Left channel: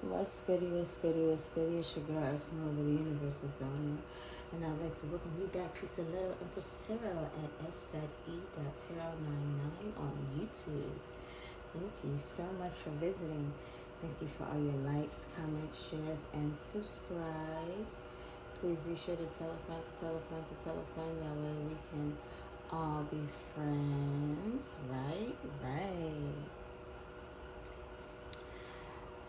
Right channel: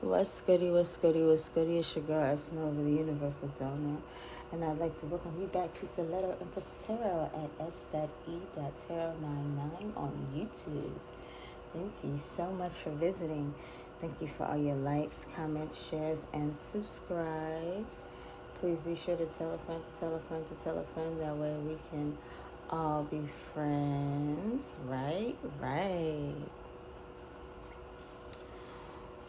What's goody, what's goody, what's goody? It's your girl, Snow, the Universal Donor. And I'd like to welcome you back to Stiletto Empress Tarot at s.e.tarot99 on YouTube. Thank you so much for visiting. Thank you for all your likes, comments, shares, and subscribes. Please be sure to tell a friend, to tell a friend, to tell a friend. That way we can all be friends. Right?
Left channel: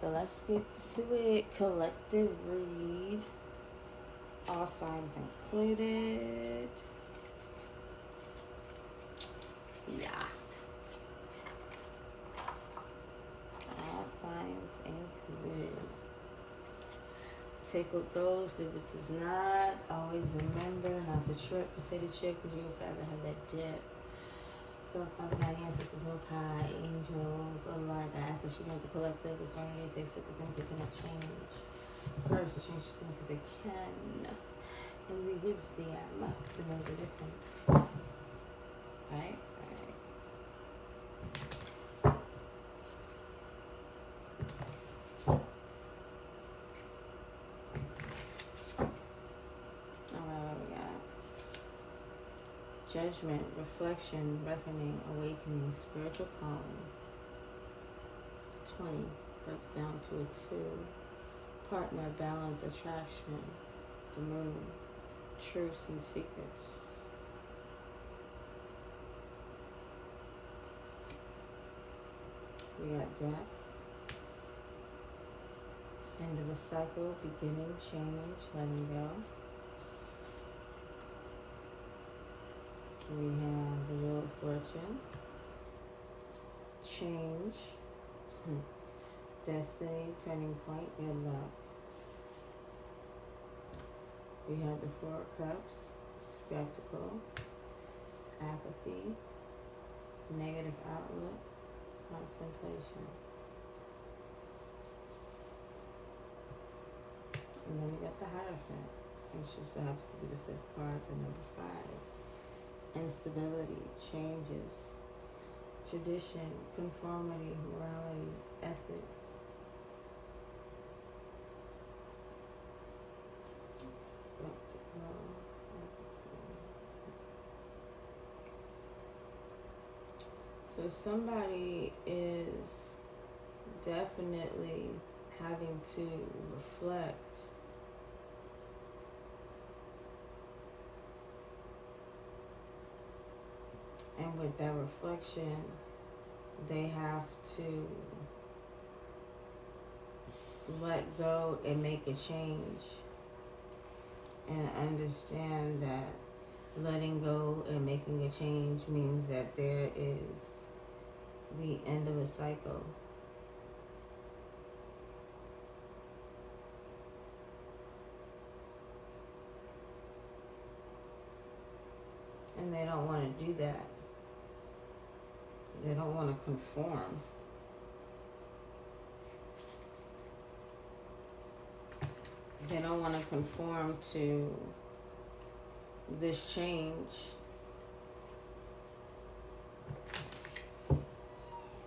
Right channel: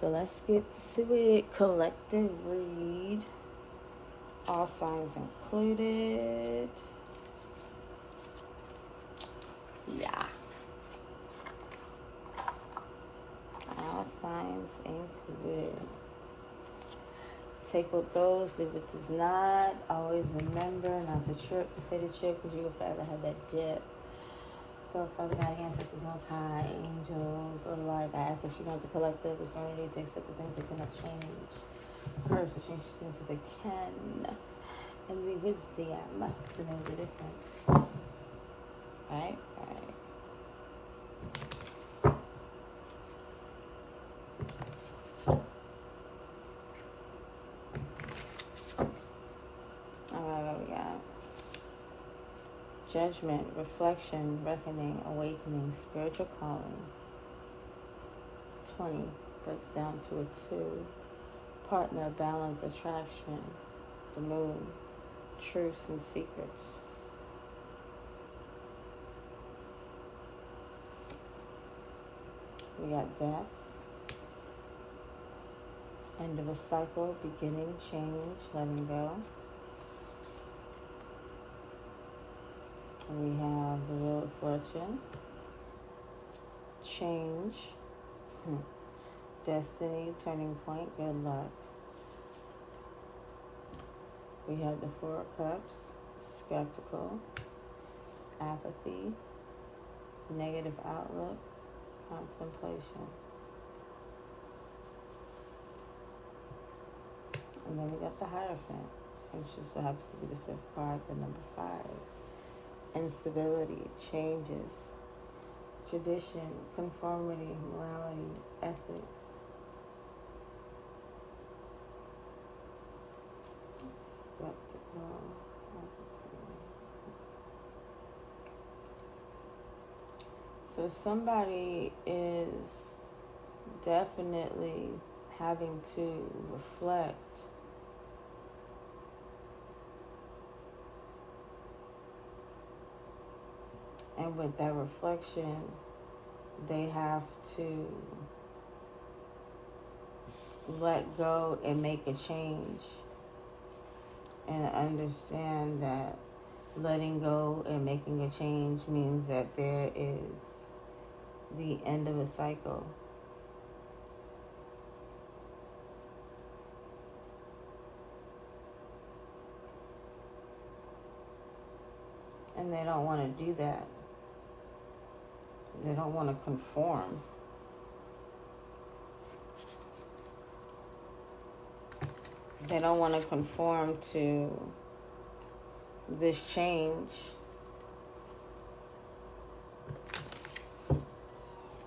So let's get to it. Collective read. All signs included. Yeah. All signs included. Take what goes, leave what does not. Always remember not to trip, potato chip, because you will forever have that dip. So, Father God, ancestors, Most High, angels, oh Lord, I ask that you grant the collective discernment to accept the things that cannot change. First, to change things that they can. And the wisdom to know the difference. Right? Alright, what we got? Judgment, reflection, reckoning, awakening, spiritual calling. 20 breaks down to a 2. Partner, balance, attraction, the moon, truths and secrets. We got death, end of a cycle, beginning, change, letting go. We have the Wheel of Fortune, change, destiny, turning point, good luck. We have the Four of Cups, skeptical, apathy, negative outlook, contemplation. And then we got the Hierophant, which just happens to be the 5th card, the number 5. Instability, changes, tradition, conformity, morality, ethics. Skeptical, apathy. So somebody is definitely having to reflect and with that reflection they have to let go and make a change and understand that letting go and making a change means that there is the end of a cycle. And they don't want to do that. They don't want to conform. They don't want to conform to this change.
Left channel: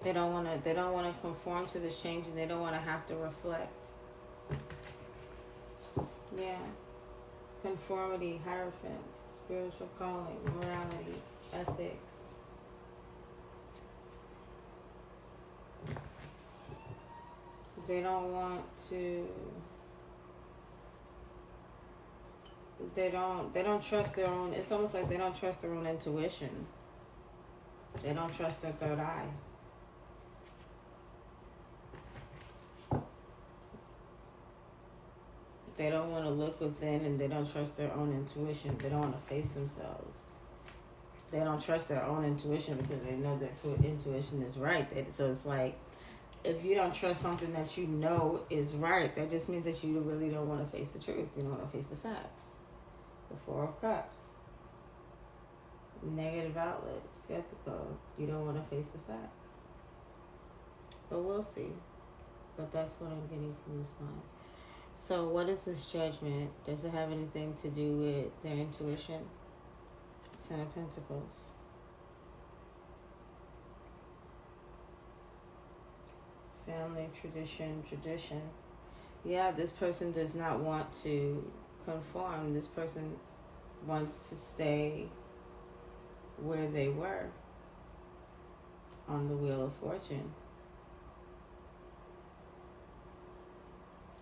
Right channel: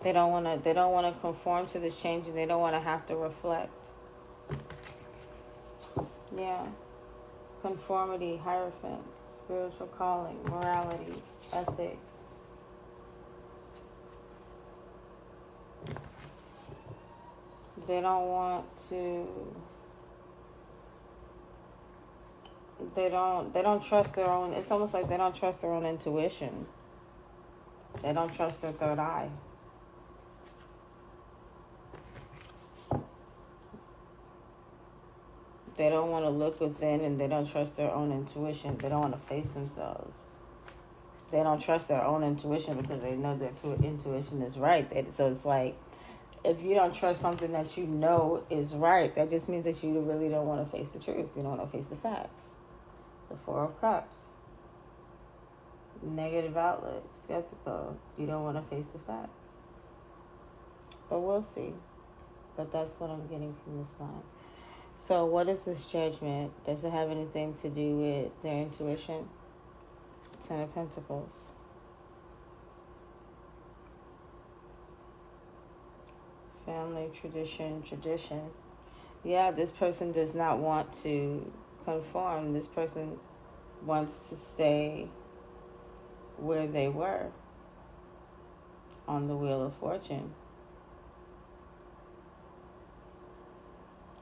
They don't want to conform to this change, and they don't want to have to reflect. Yeah. Conformity, Hierophant, spiritual calling, morality, ethics. They don't want to. They don't trust their own. It's almost like they don't trust their own intuition. They don't trust their third eye. They don't want to look within, and they don't trust their own intuition. They don't want to face themselves. They don't trust their own intuition because they know that intuition is right. So it's like, if you don't trust something that you know is right, that just means that you really don't want to face the truth. You don't want to face the facts. The Four of Cups. Negative outlook. Skeptical. You don't want to face the facts. But we'll see. But that's what I'm getting from this line. So what is this Judgment? Does it have anything to do with their intuition? 10 of Pentacles. Family, tradition. Yeah, this person does not want to conform. This person wants to stay where they were on the Wheel of Fortune.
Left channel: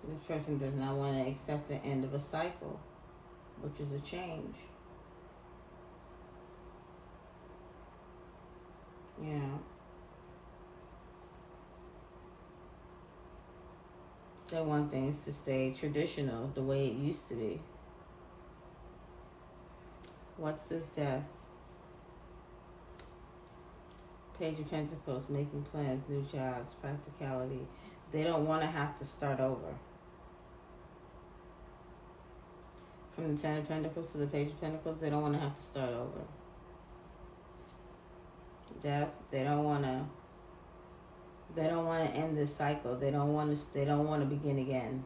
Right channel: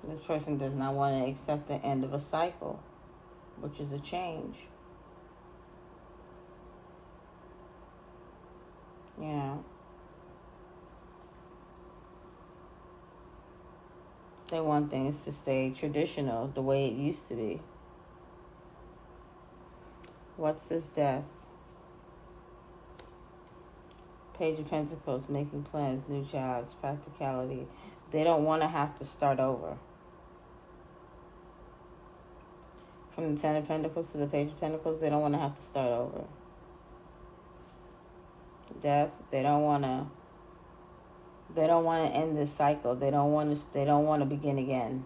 This person does not want to accept the end of a cycle, which is a change. Yeah. They want things to stay traditional, the way it used to be. What's this death? Page of Pentacles, making plans, new jobs, practicality. They don't want to have to start over. From the Ten of Pentacles to the Page of Pentacles, they don't want to have to start over. Death, they don't want to end this cycle. They don't want to begin again.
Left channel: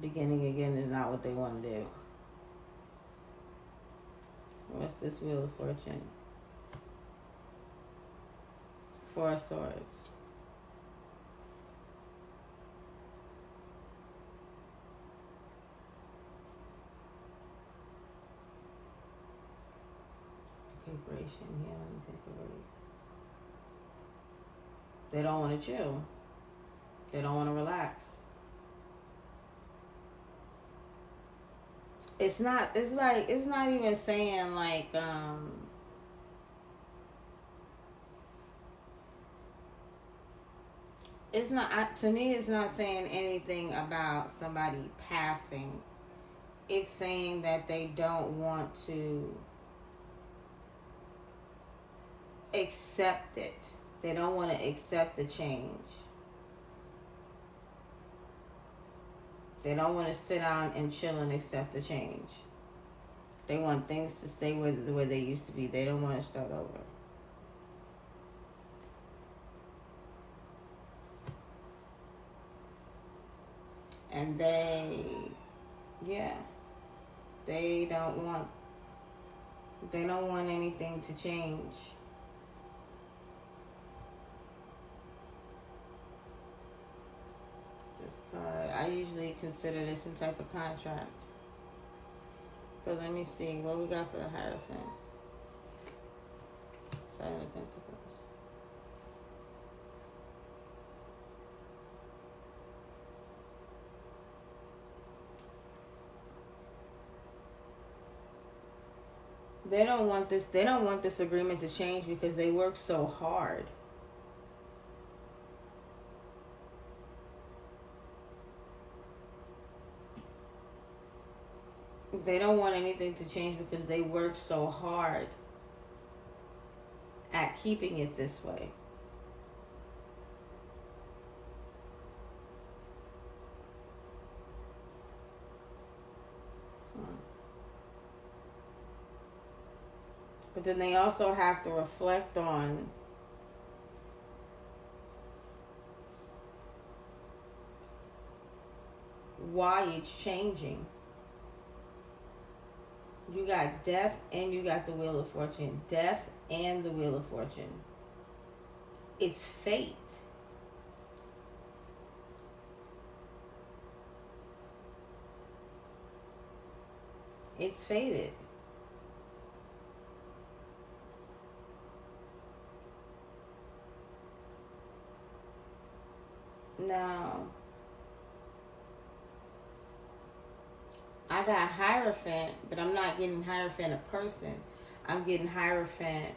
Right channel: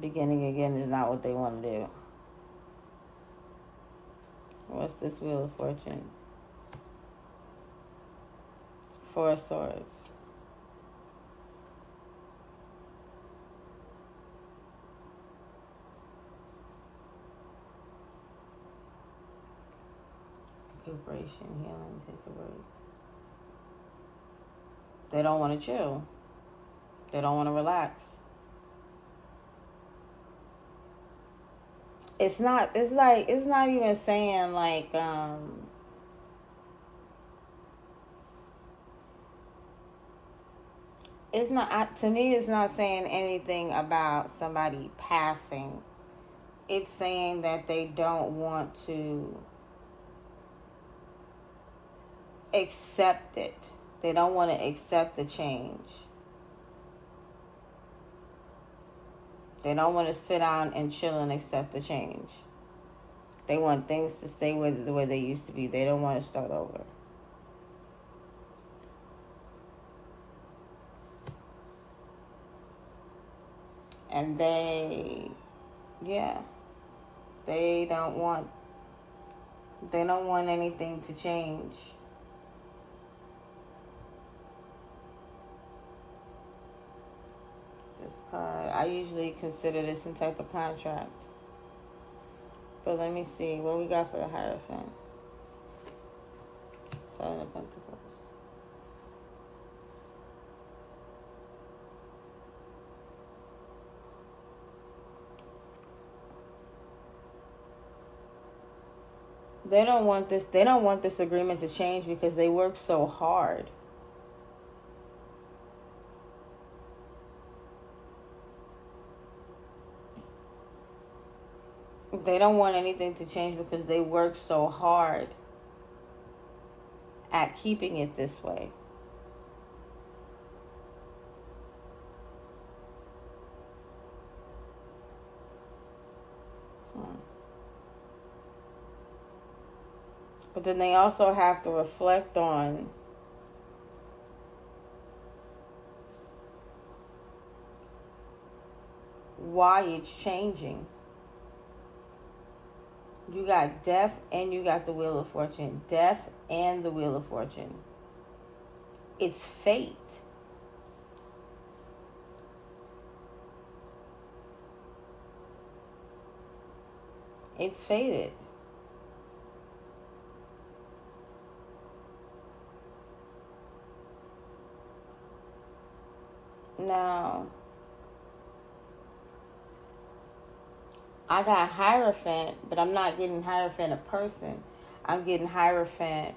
Beginning again is not what they want to do. What's this Wheel of Fortune? Four of Swords. Recuperation, healing, take a break. They don't want to chill. They don't want to relax. It's not even saying like it's not, to me, it's not saying anything about somebody passing. It's saying that they don't want to accept it. They don't want to accept the change. They don't want to sit down and chill and accept the change. They want things to stay the way they used to be. They don't want to start over. And they don't want anything to change. This card, I usually consider this some type of contract. But let me see what we got for the Hierophant. Seven of Pentacles. They don't want this agreement to change because they work so hard. They don't want anything to change because they work so hard at keeping it this way. But then they also have to reflect on why it's changing. You got death and you got the Wheel of Fortune. Death and the Wheel of Fortune. It's fate. It's fated. Now, I got Hierophant, but I'm not getting Hierophant a person. I'm getting Hierophant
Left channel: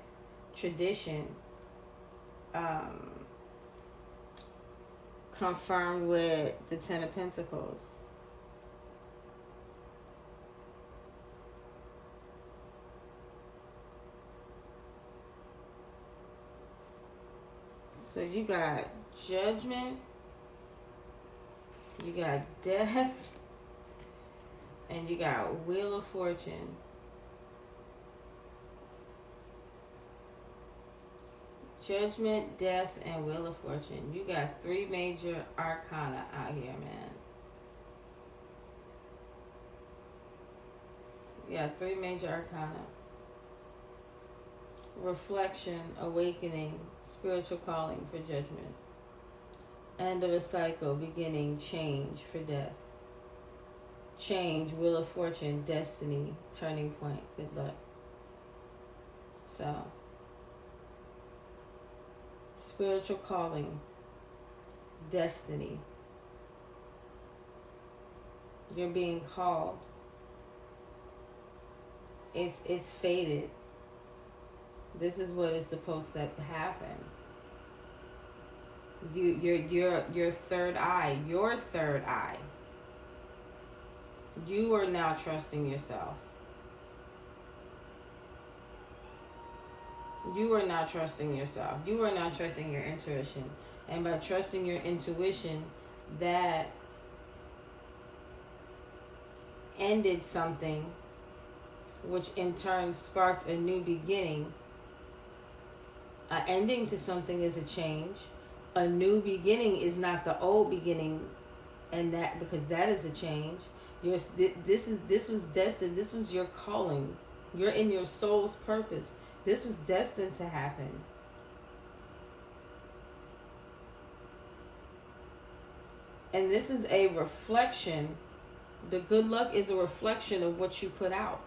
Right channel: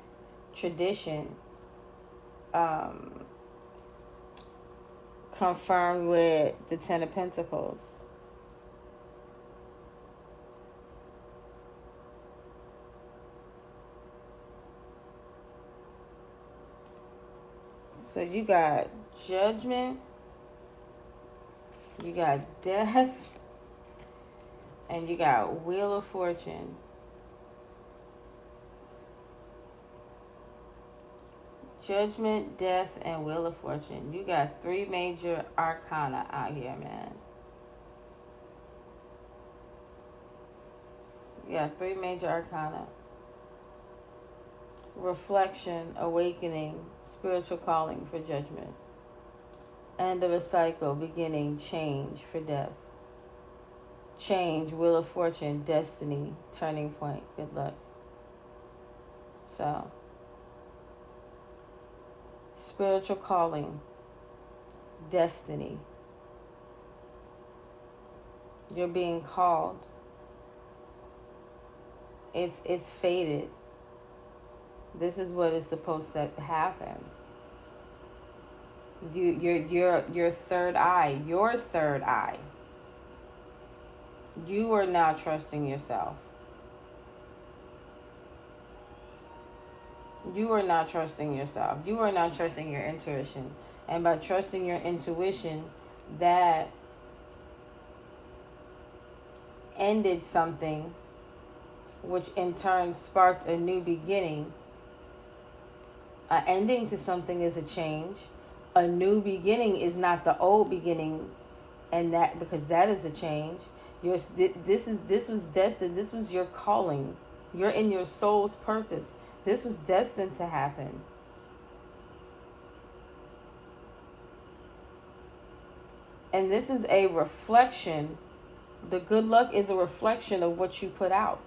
tradition confirmed with the Ten of Pentacles. So you got Judgment, you got Death, and you got Wheel of Fortune. Judgment, Death, and Wheel of Fortune. You got three major arcana out here, man. You got three major arcana. Reflection, awakening, spiritual calling for judgment. End of a cycle, beginning, change for death. Change, wheel of fortune, destiny, turning point, good luck. So, spiritual calling, destiny. You're being called. It's fated. This is what is supposed to happen. Your third eye, you are now trusting yourself. You are not trusting yourself. You are not trusting your intuition. And by trusting your intuition, that ended something, which in turn sparked a new beginning. An ending to something is a change. A new beginning is not the old beginning, and that because that is a change. This was destined. This was your calling. You're in your soul's purpose. This was destined to happen. And this is a reflection. The good luck is a reflection of what you put out.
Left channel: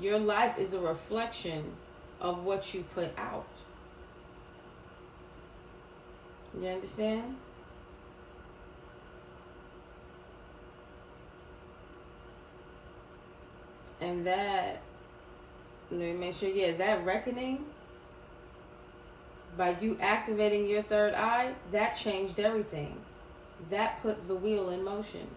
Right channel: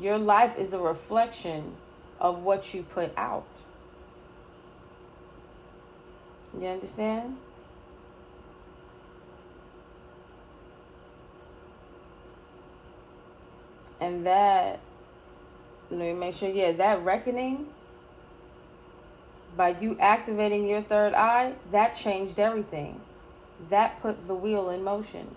Your life is a reflection of what you put out. You understand? And that, let me make sure, that reckoning, by you activating your third eye, that changed everything. That put the wheel in motion.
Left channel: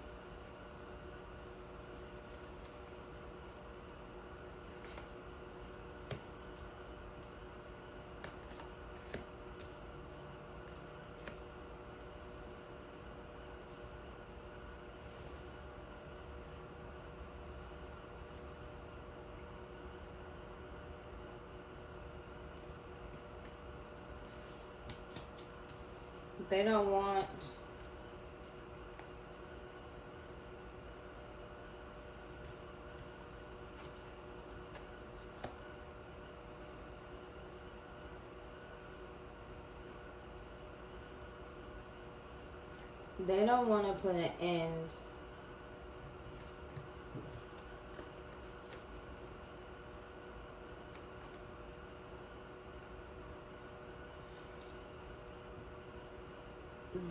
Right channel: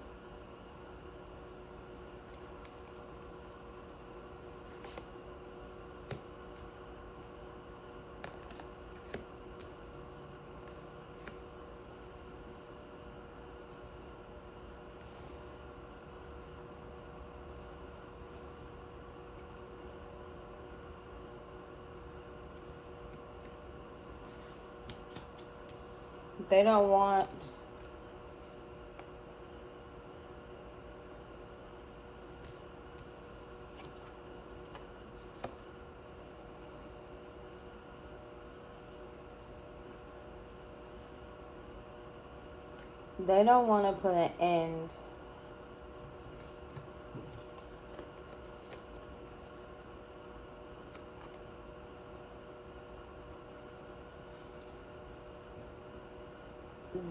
They don't want to put an end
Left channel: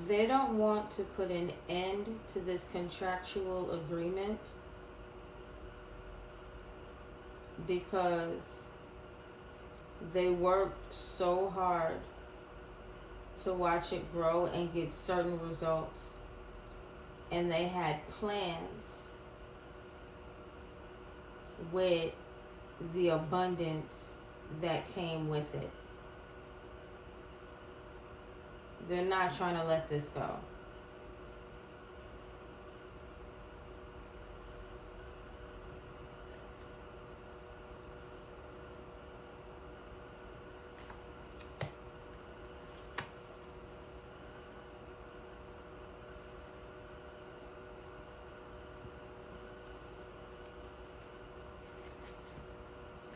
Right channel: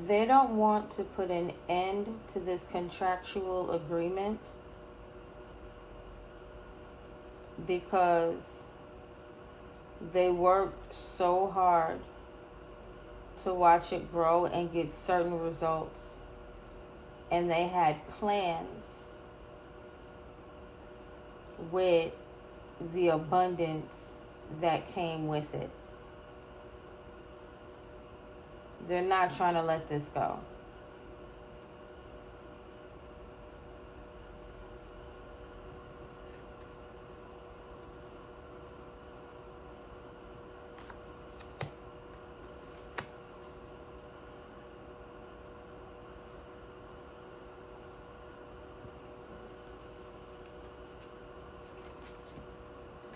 They don't want to put an end to this contractual agreement because they worked so hard to watch it grow and get certain results, and they had plans with the abundance that came with it. They're not trying to let this go.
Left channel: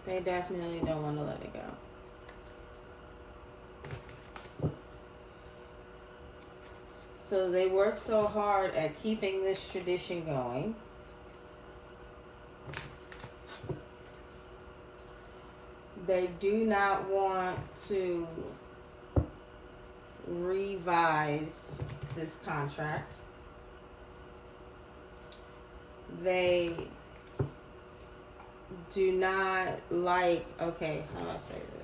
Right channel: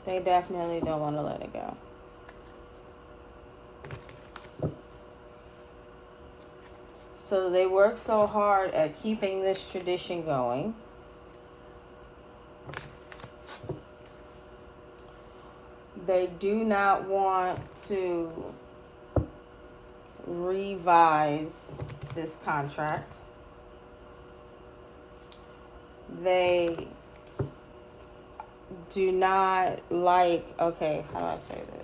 They definitely don't want to let it go. So they work so hard at keeping this tradition going. They do not want to revise this contract. They do not like, okay, how do I say this?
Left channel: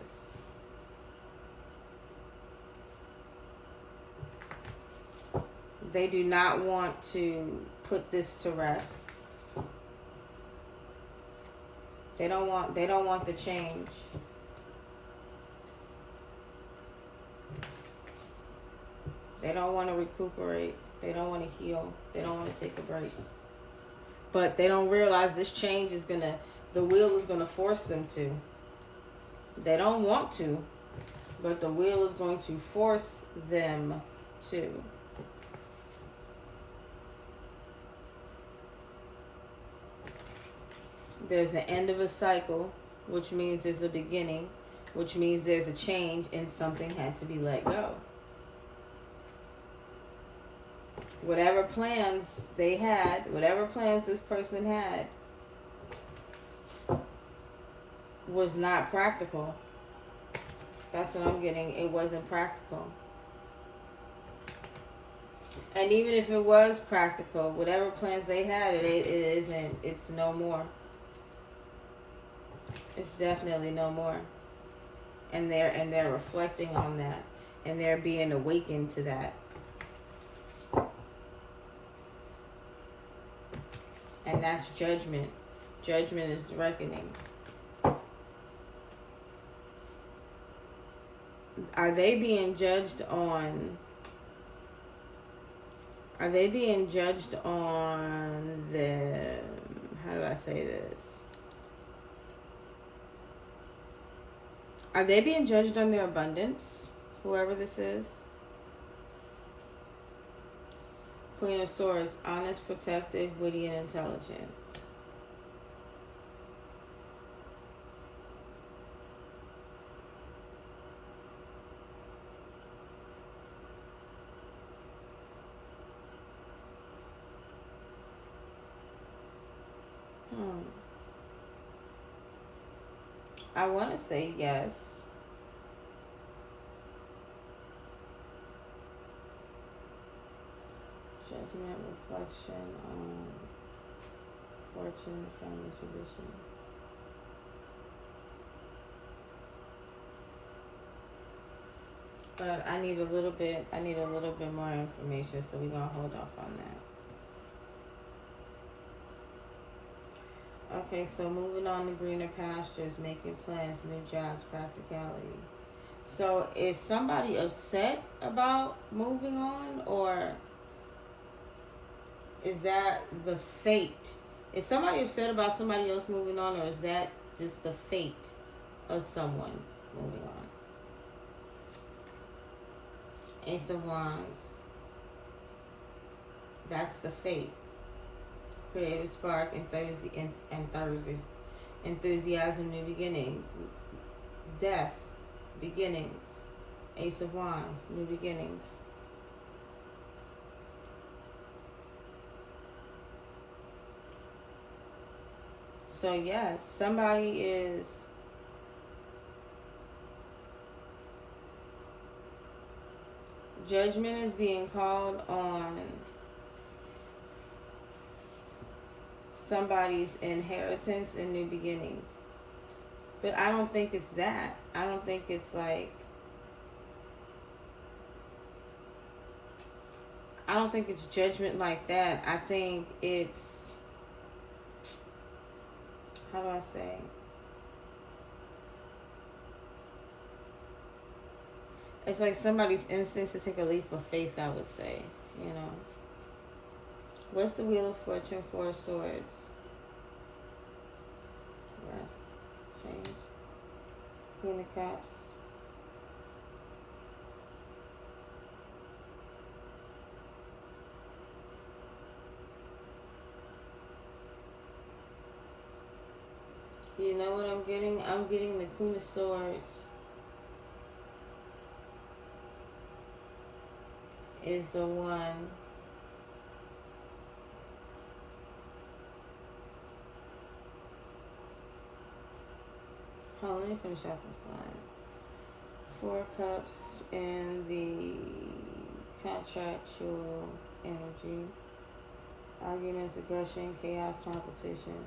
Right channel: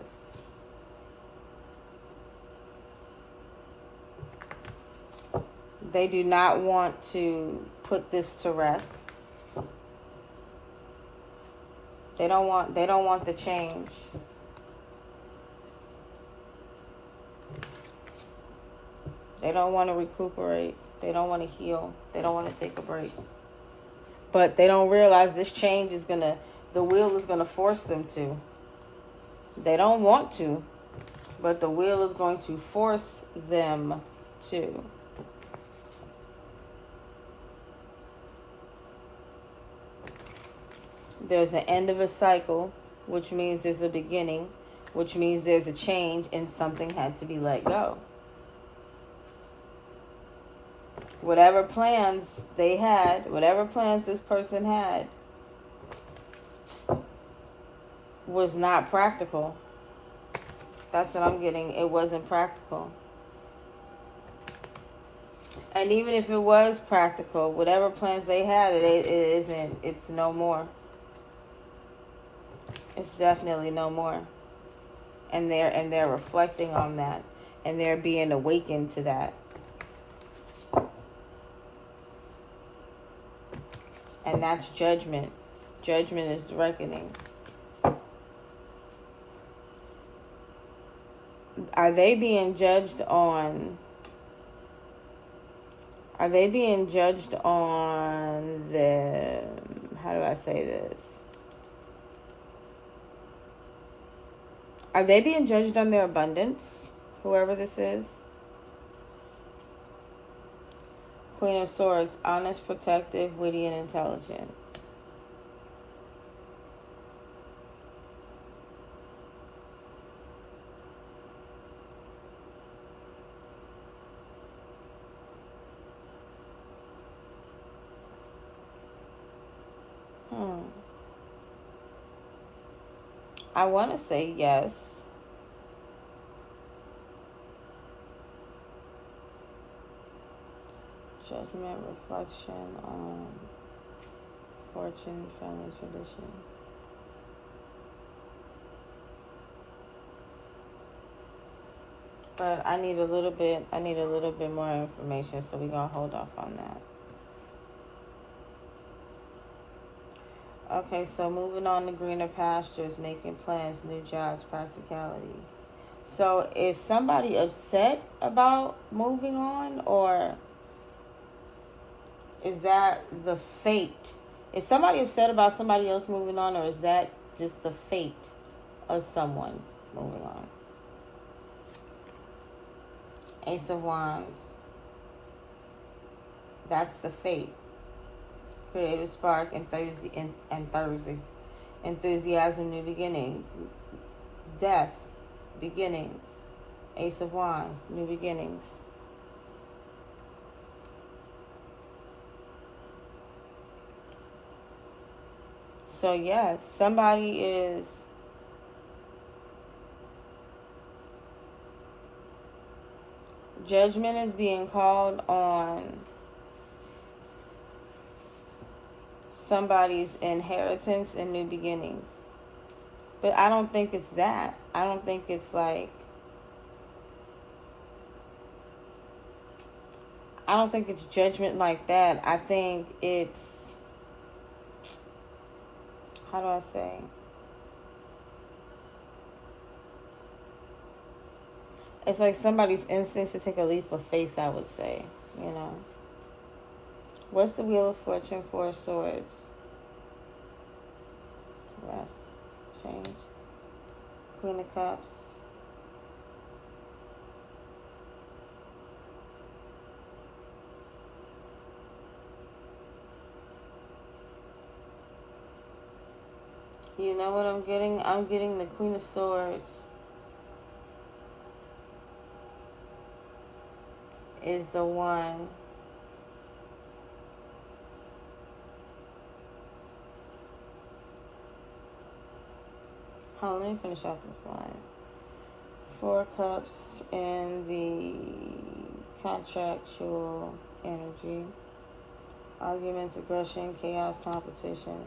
They do not want to put this to rest. They don't want the change. They don't want to recuperate. They don't want to heal. They don't want to take a break. But they don't realize this change is the wheel is gonna force them to. They don't want to, but the wheel is going to force them to. There's an end of a cycle, which means there's a beginning. which means there's a change and something had to be let go. Whatever plans they had, whatever plans this person had, was not practical. That's what I'm getting. It wasn't practical. And even if it was practical, whatever plans they had, it isn't. It's no more. It's definitely no more. And they're reflecting on that, and they're being awakened to that. And that's judgment. Judgment is the reckoning. Are they being judged on? Are they being judged on the? How do I say this? Are they being judged on their abundance? Whoever this is. Queen of Swords, honest, protective, witty, and intelligent. I want to say yes. Judgment, reflection on fortune, family tradition. But I need a little bit more information, so we're gonna hold off on that. Okay, so moving on to greener pastures, making plans, new jobs, practicality. So is somebody upset about moving on, or is that the fate? Is somebody upset about somebody else moving on, or is that just the fate of someone moving on? Ace of Wands. That's the fate. Creative spark and Thursday. Enthusiasm, new beginnings. Death, beginnings. Ace of Wands, new beginnings. So yes, somebody is judgment is being called on somebody's inheritance and new beginnings. But I don't think it's that. I don't think it's like, I don't think it's judgment like that. I think it's, how do I say? It's like somebody's instinct to take a leap of faith, I would say, you know. What's the Wheel of Fortune, Four of Swords? Rest, change. Queen of Cups. You know what I'm getting? I'm getting the Queen of Swords is the one let me finish out this line. Four Cups in the contractual energy. Arguments, aggression, chaos, competition.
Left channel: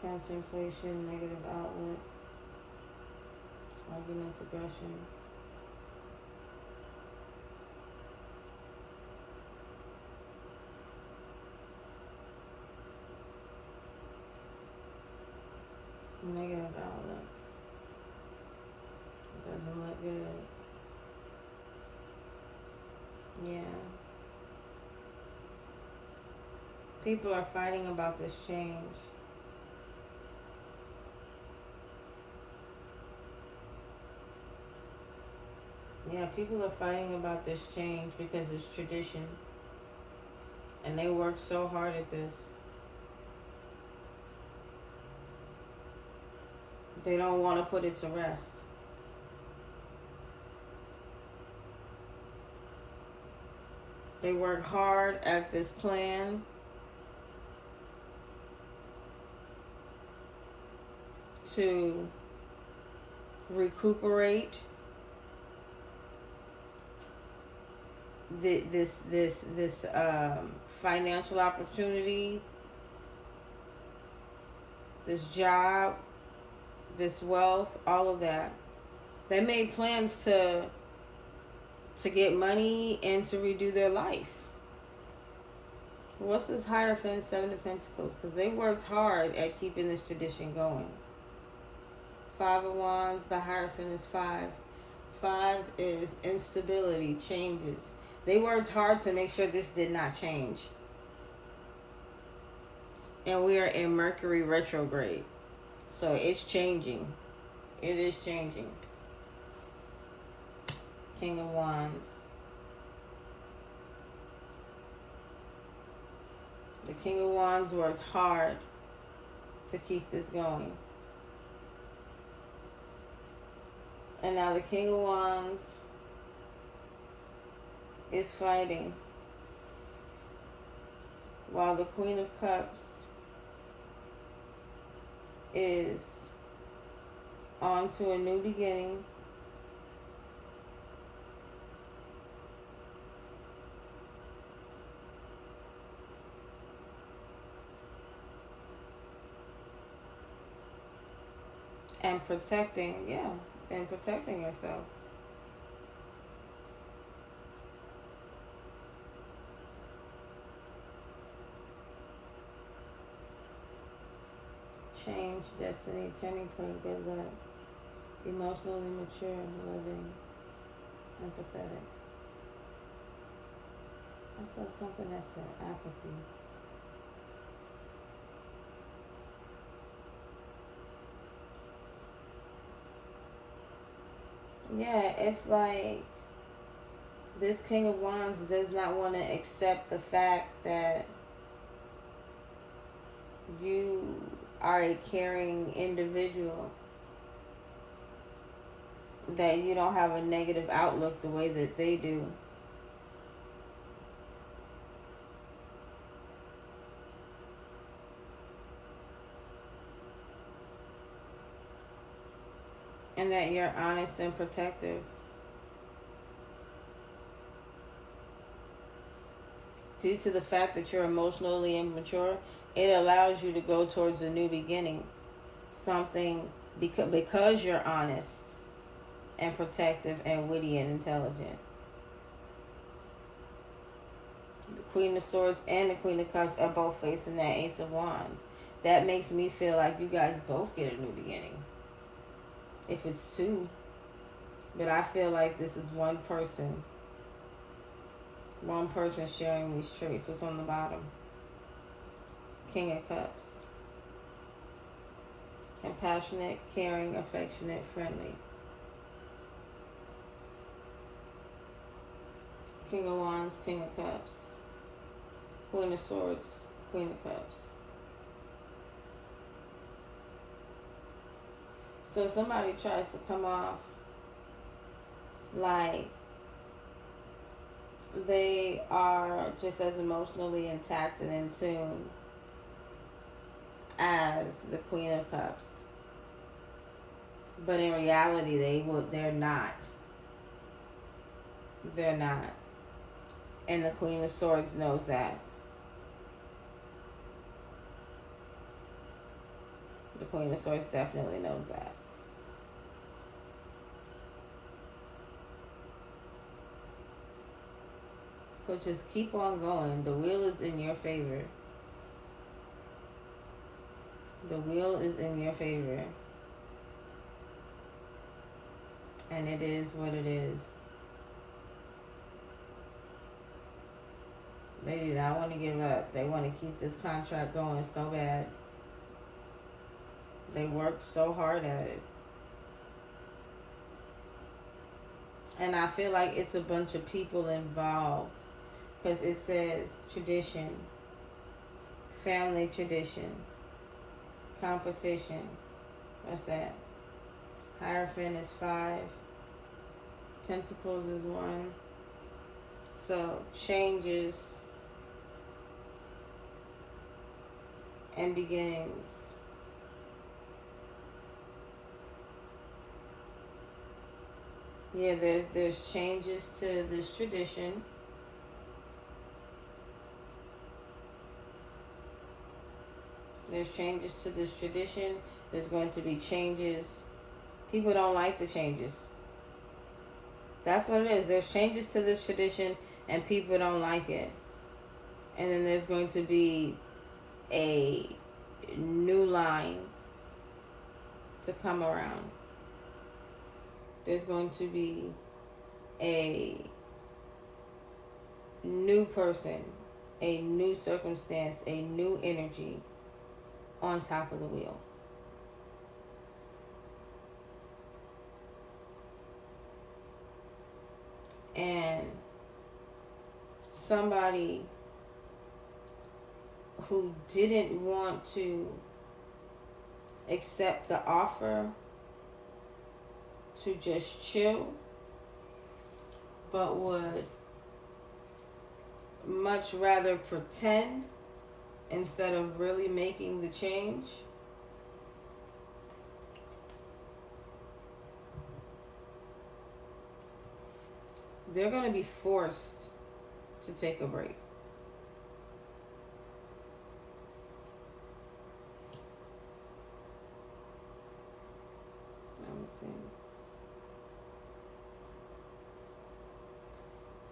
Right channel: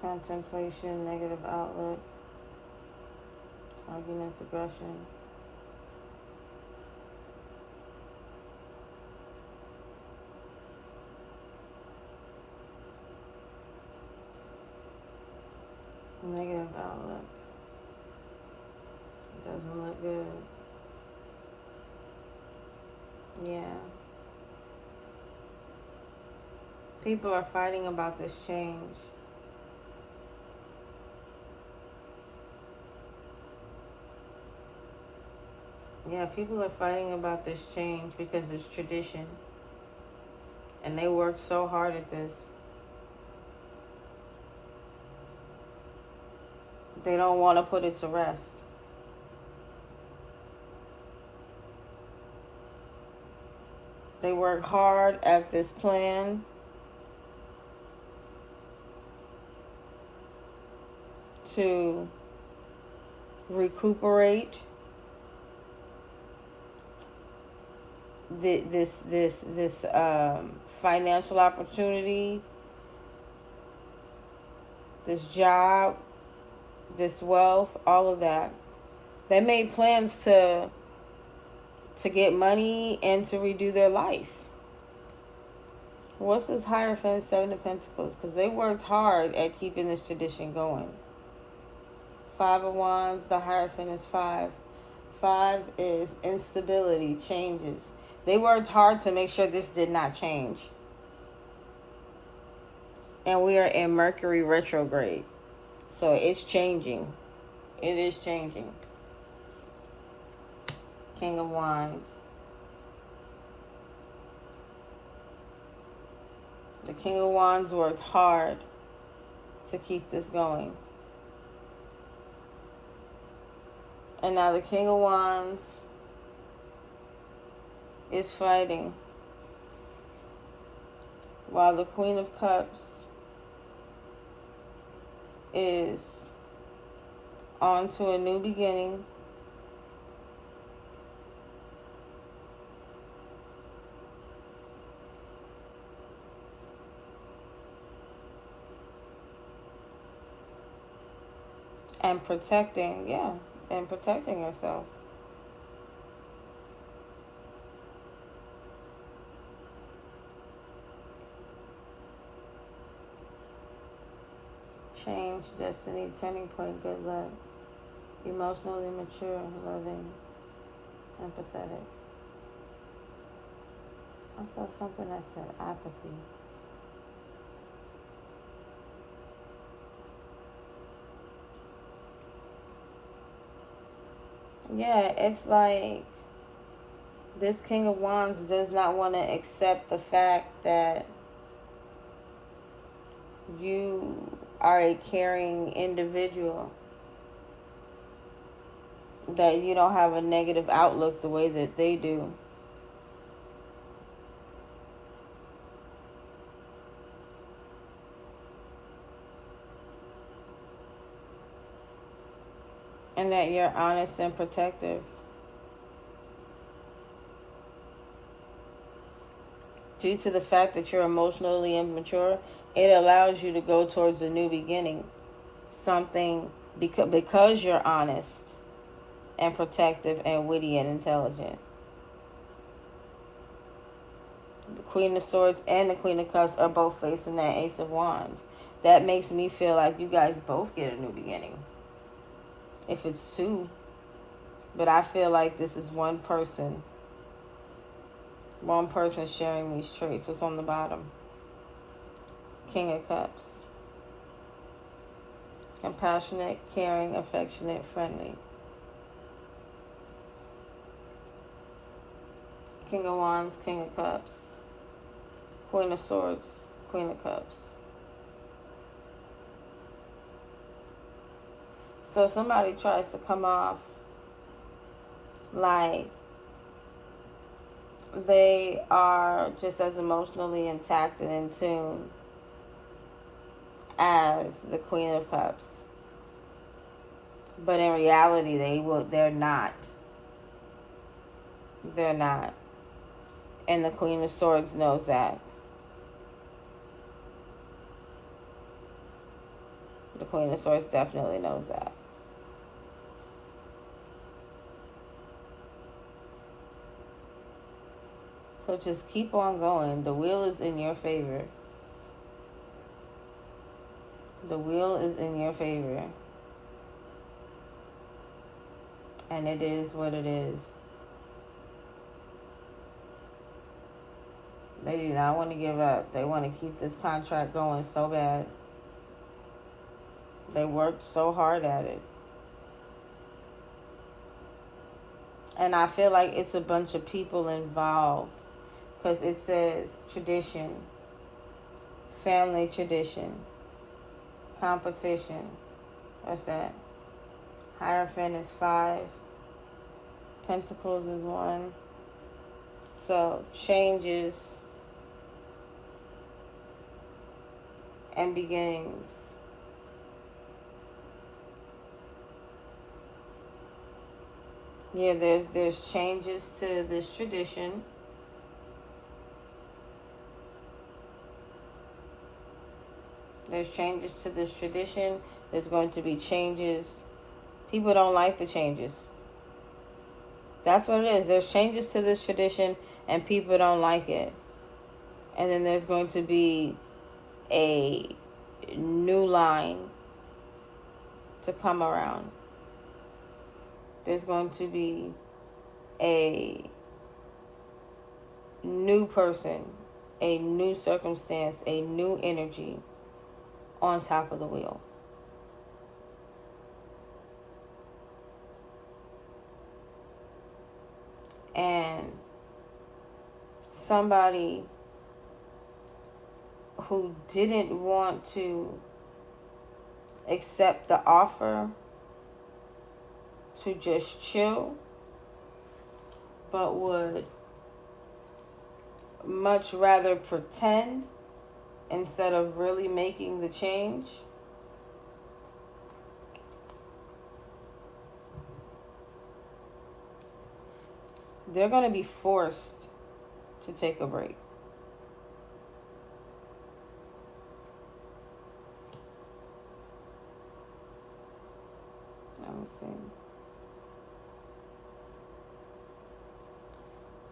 Contemplation, negative outlook. Arguments, aggression. Negative outlook. It doesn't look good. Yeah. People are fighting about this change. Yeah, people are fighting about this change because it's tradition. And they worked so hard at this. They don't want to put it to rest. They work hard at this plan to recuperate this financial opportunity, this job, this wealth, all of that. They made plans to get money and to redo their life. What's this Hierophant, Seven of Pentacles? Because they worked hard at keeping this tradition going. Five of Wands, the Hierophant is 5. 5 is instability, changes. They worked hard to make sure this did not change. And we are in Mercury retrograde. So it's changing. It is changing. King of Wands. The King of Wands worked hard to keep this going. And now the King of Wands is fighting, while the Queen of Cups is on to a new beginning. And protecting yourself. Change, destiny, turning point, good luck. Emotionally mature, loving, empathetic. I saw something that said apathy. Yeah, it's like this King of Wands does not want to accept the fact that you are a caring individual, that you don't have a negative outlook the way that they do. And that you're honest and protective. Due to the fact that you're emotionally immature, it allows you to go towards a new beginning. Something, because you're honest and protective and witty and intelligent. The Queen of Swords and the Queen of Cups are both facing that Ace of Wands. That makes me feel like you guys both get a new beginning. If it's two. But I feel like this is one person. One person sharing these traits. What's on the bottom? King of Cups. Compassionate, caring, affectionate, friendly. King of Wands, King of Cups. Queen of Swords, Queen of Cups. So somebody tries to come off like they are just as emotionally intact and in tune as the Queen of Cups. But in reality, they're not. They're not. And the Queen of Swords knows that. The Queen of Swords definitely knows that. So just keep on going. The wheel is in your favor. The wheel is in your favor. And it is what it is. They do not want to give up. They want to keep this contract going so bad. They worked so hard at it. And I feel like it's a bunch of people involved. Because it says tradition, family tradition, competition, What's that? Hierophant is 5. Pentacles is 1. So changes and beginnings. Yeah, there's changes to this tradition. There's changes to this tradition. There's going to be changes. People don't like the changes. That's what it is. There's changes to this tradition and people don't like it. And then there's going to be a new line to come around. There's going to be a new person, a new circumstance, a new energy on top of the wheel. And somebody who didn't want to accept the offer to just chill, but would much rather pretend instead of really making the change. They're going to be forced to take a break. Let me see.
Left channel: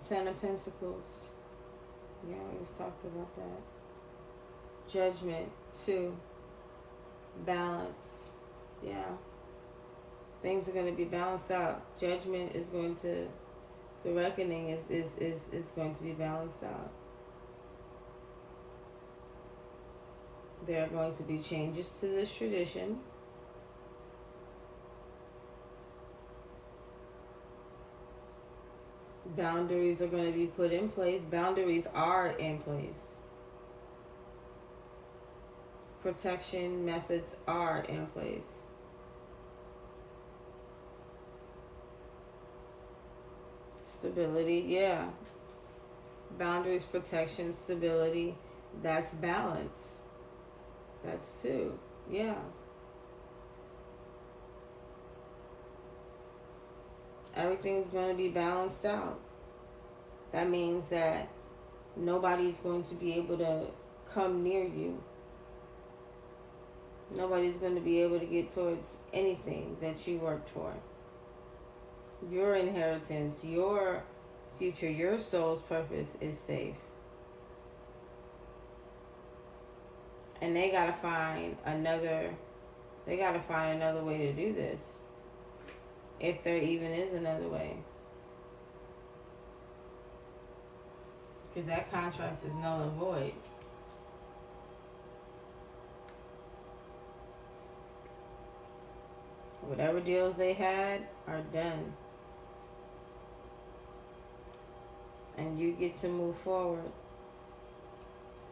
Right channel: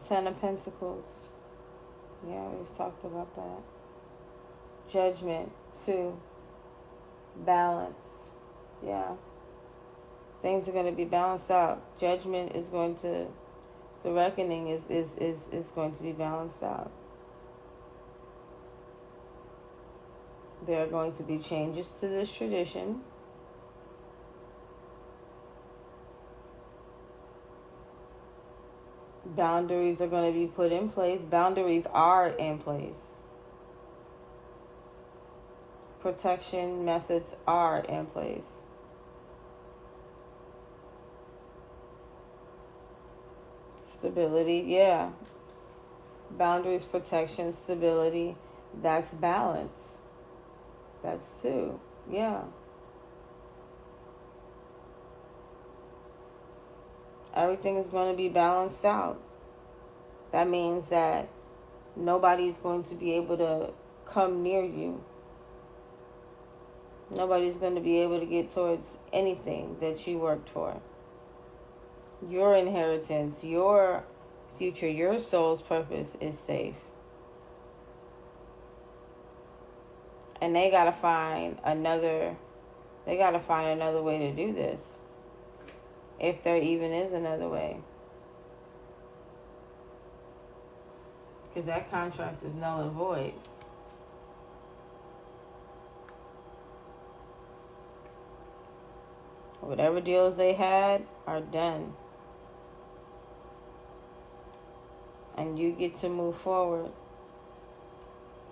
10 of Pentacles. Yeah, we've talked about that. Judgment. 2. Balance. Yeah. Things are going to be balanced out. Judgment is going to... The reckoning is going to be balanced out. There are going to be changes to this tradition. Boundaries are going to be put in place. Boundaries are in place. Protection methods are in place. Stability, yeah. Boundaries, protection, stability. That's balance. That's 2. Yeah. Everything's going to be balanced out. That means that nobody's going to be able to come near you. Nobody's going to be able to get towards anything that you worked for. Your inheritance, your future, your soul's purpose is safe. And they gotta find another way to do this. If there even is another way. Because that contract is null and void. Whatever deals they had are done. And you get to move forward.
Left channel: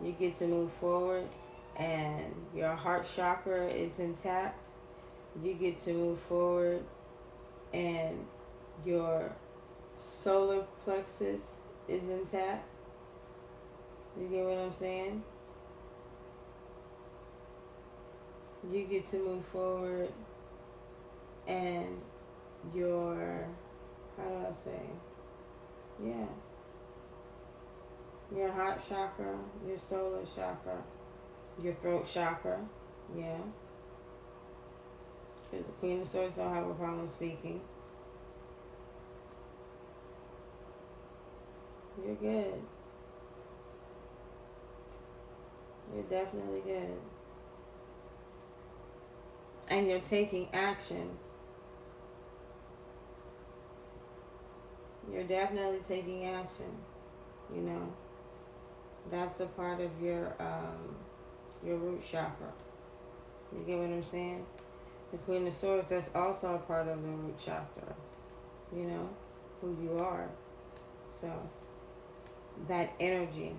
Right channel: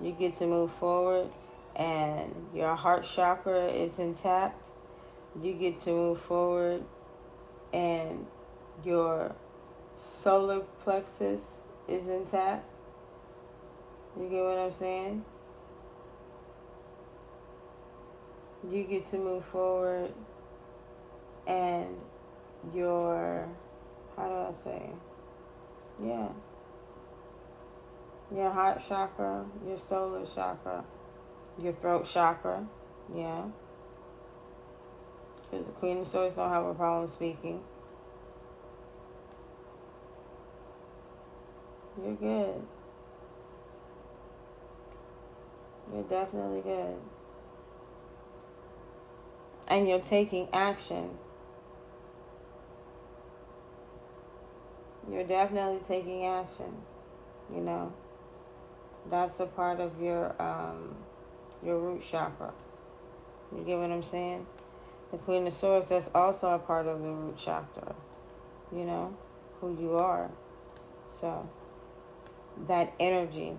You get to move forward and your heart chakra is intact. You get to move forward and your solar plexus is intact. You get what I'm saying? You get to move forward and your, how do I say? Yeah. Your heart chakra, your solar chakra, your throat chakra, yeah. Because the Queen of Swords don't have a problem speaking. You're good. You're definitely good. And you're taking action. You're definitely taking action, you know. That's a part of your root chakra. You get what I'm saying? The Queen of Swords, that's also a part of the root chakra. You know, who you are. So, that energy.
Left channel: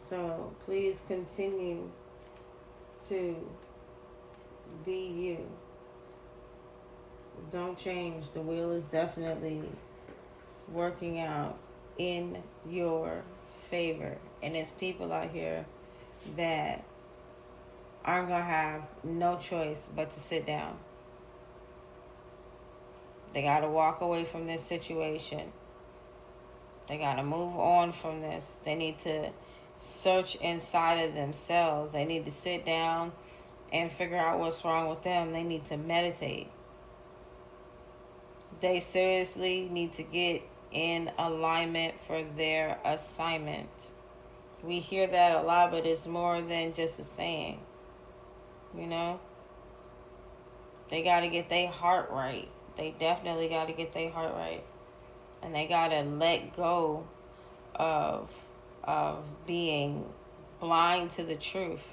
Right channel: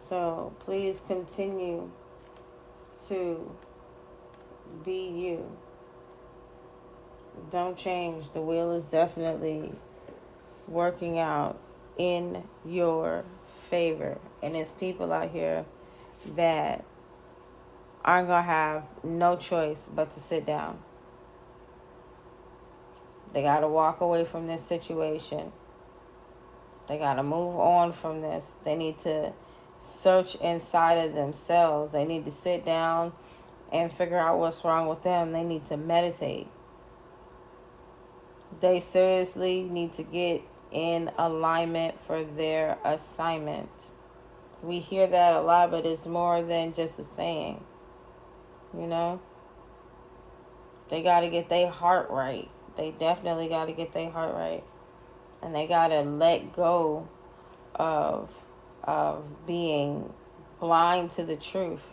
So, please continue to be you. Don't change. The wheel is definitely working out in your favor. And there's people out here that aren't going to have no choice but to sit down. They got to walk away from this situation. They got to move on from this. They need to search inside of themselves. They need to sit down and figure out what's wrong with them. They need to meditate. They seriously need to get in alignment for their assignment. We hear that a lot, but it's more than just a saying. You know? They got to get their heart right. They definitely got to get their heart right. And they got to let go of being blind to the truth.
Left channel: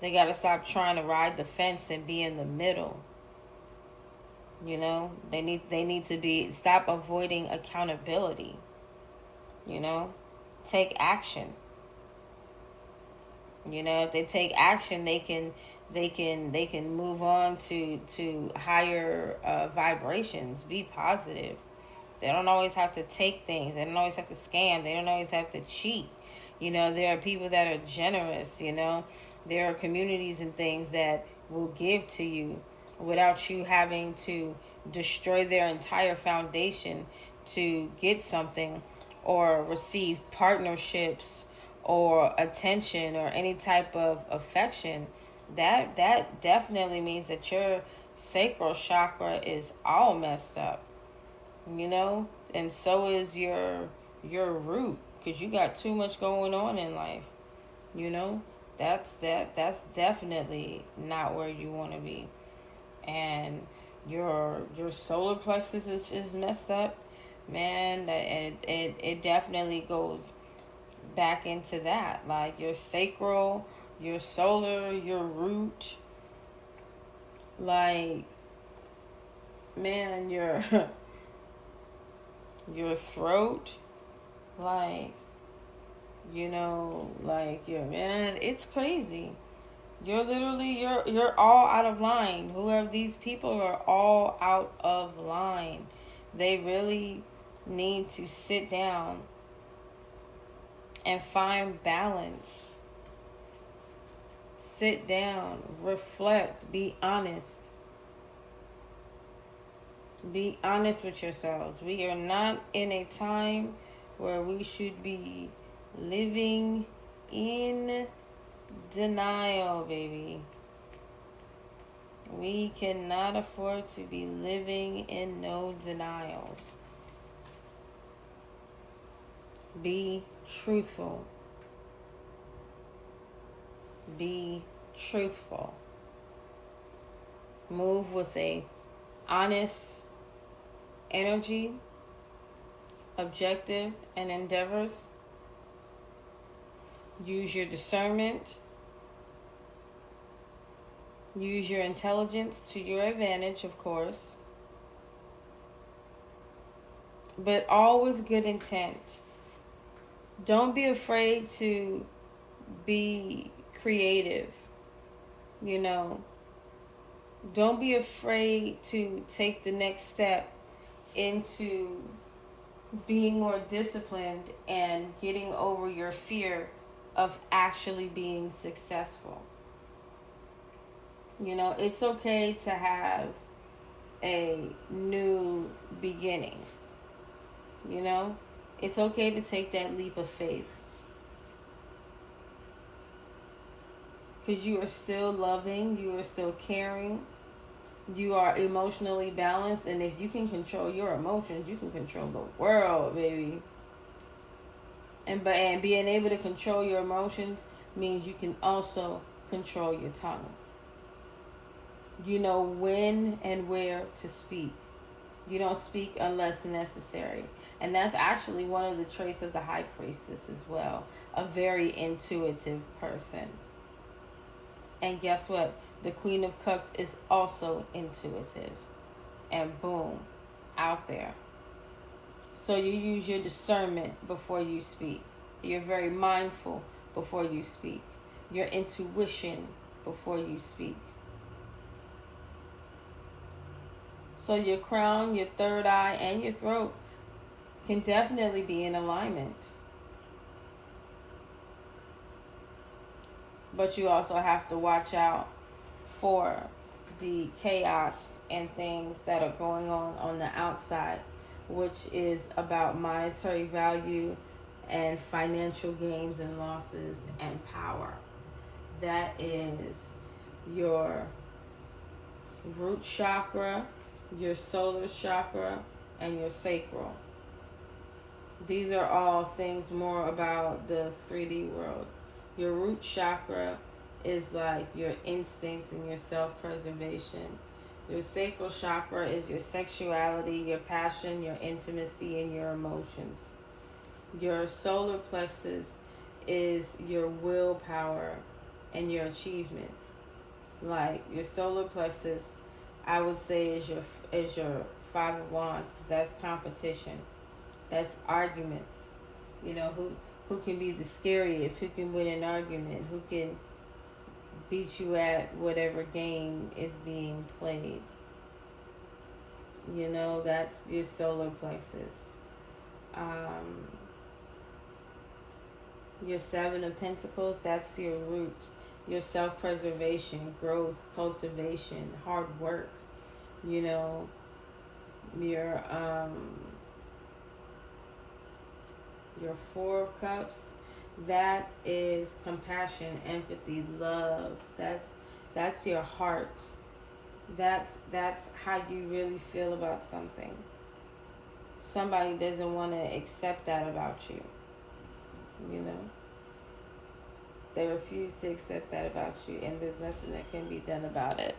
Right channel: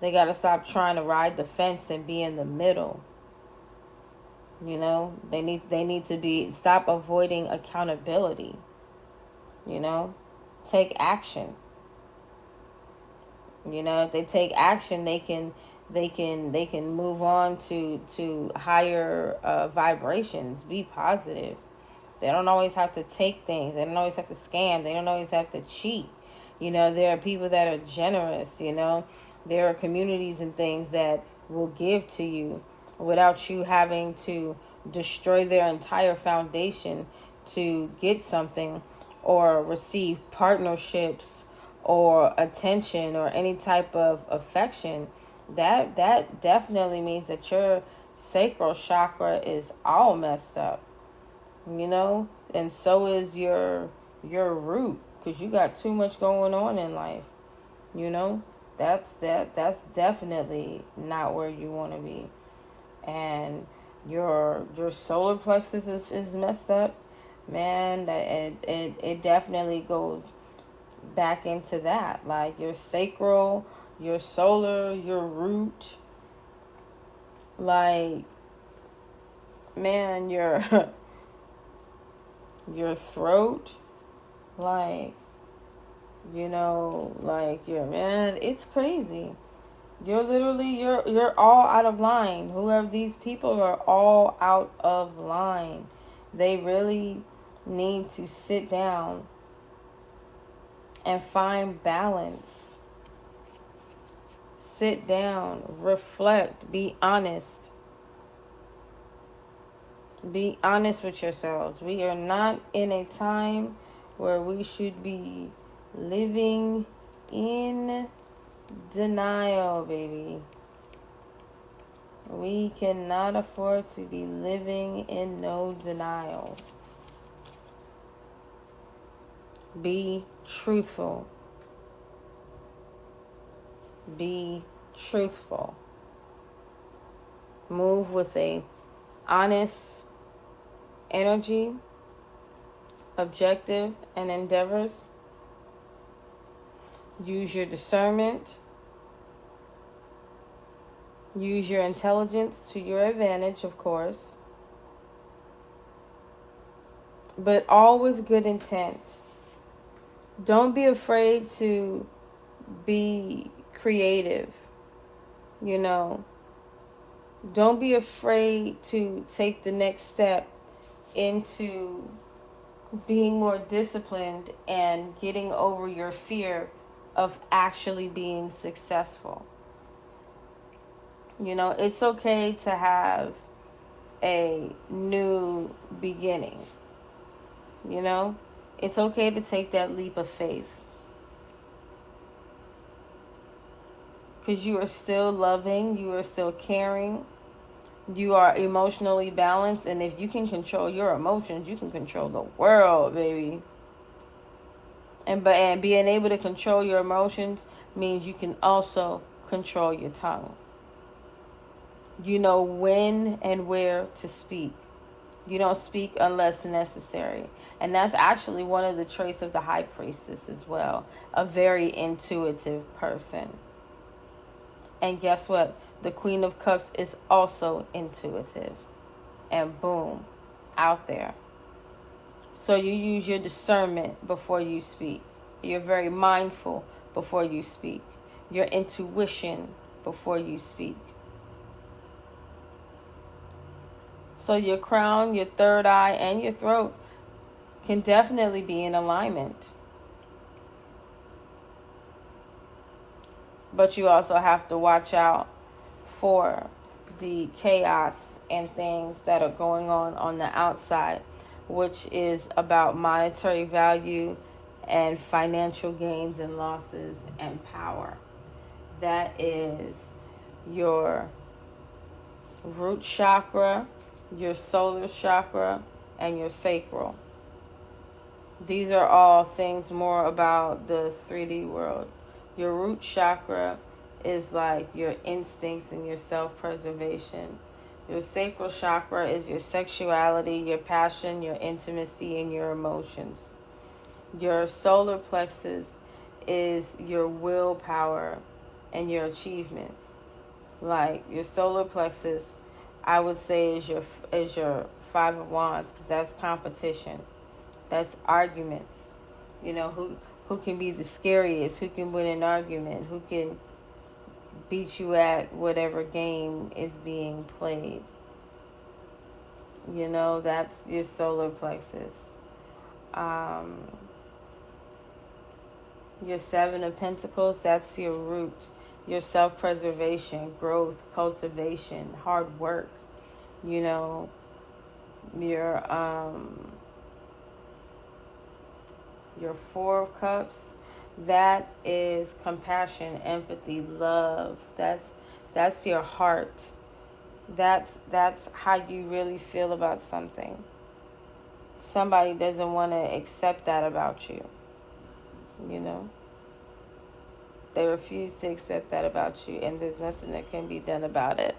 They got to stop trying to ride the fence and be in the middle. You know, they need to stop avoiding accountability. You know, take action. You know, if they take action, they can move on to higher vibrations. Be positive. They don't always have to take things. They don't always have to scam. They don't always have to cheat. You know, there are people that are generous. You know, there are communities and things that will give to you without you having to destroy their entire foundation to get something or receive partnerships or attention or any type of affection. That definitely means that your sacral chakra is all messed up, you know, and so is your root, because you got too much going on in life. You know, that's definitely not where you want to be. And your solar plexus is messed up, man. It definitely goes back into that, like your sacral, your solar, your root, like, man, your throat, like, you know, like, man, it's crazy. You're literally, you're all out of line. Whoever these people are, all out of line. They really need to sit down and find balance. Sit down, reflect, be honest. Be honest with yourselves. We are not in a time where we should be living in denial, baby. We cannot afford to be living in no denial. Be truthful. Be truthful. Move with a honest energy, objective, and endeavors. Use your discernment. Use your intelligence to your advantage, of course. But all with good intent. Don't be afraid to be creative. You know, don't be afraid to take the next step into being more disciplined and getting over your fear of actually being successful. You know, it's okay to have a new beginning. You know, it's okay to take that leap of faith. Because you are still loving, you are still caring, you are emotionally balanced, and if you can control your emotions, you can control the world, baby. And being able to control your emotions means you can also control your tongue. You know when and where to speak. You don't speak unless necessary. And that's actually one of the traits of the high priestess as well. A very intuitive person. And guess what? The Queen of Cups is also intuitive. And boom, out there. So you use your discernment before you speak. You're very mindful before you speak. Your intuition before you speak. So your crown, your third eye, and your throat can definitely be in alignment. But you also have to watch out for the chaos and things that are going on the outside, which is about monetary value and financial gains and losses and power. That is your root chakra, your solar chakra, and your sacral. These are all things more about the 3D world. Your root chakra is like your instincts and your self-preservation. Your sacral chakra is your sexuality, your passion, your intimacy, and your emotions. Your solar plexus is your willpower and your achievements. Like your solar plexus, I would say is your 5 of Wands, because that's competition, that's arguments. You know, who can be the scariest, who can win an argument, who can beat you at whatever game is being played. You know, that's your solar plexus. Your 7 of Pentacles, that's your root, your self-preservation, growth, cultivation, hard work. You know, your 4 of Cups, that is compassion, empathy, love. That's your heart. That's how you really feel about something. Somebody doesn't want to accept that about you. You know, they refuse to accept that about you, and there's nothing that can be done about it.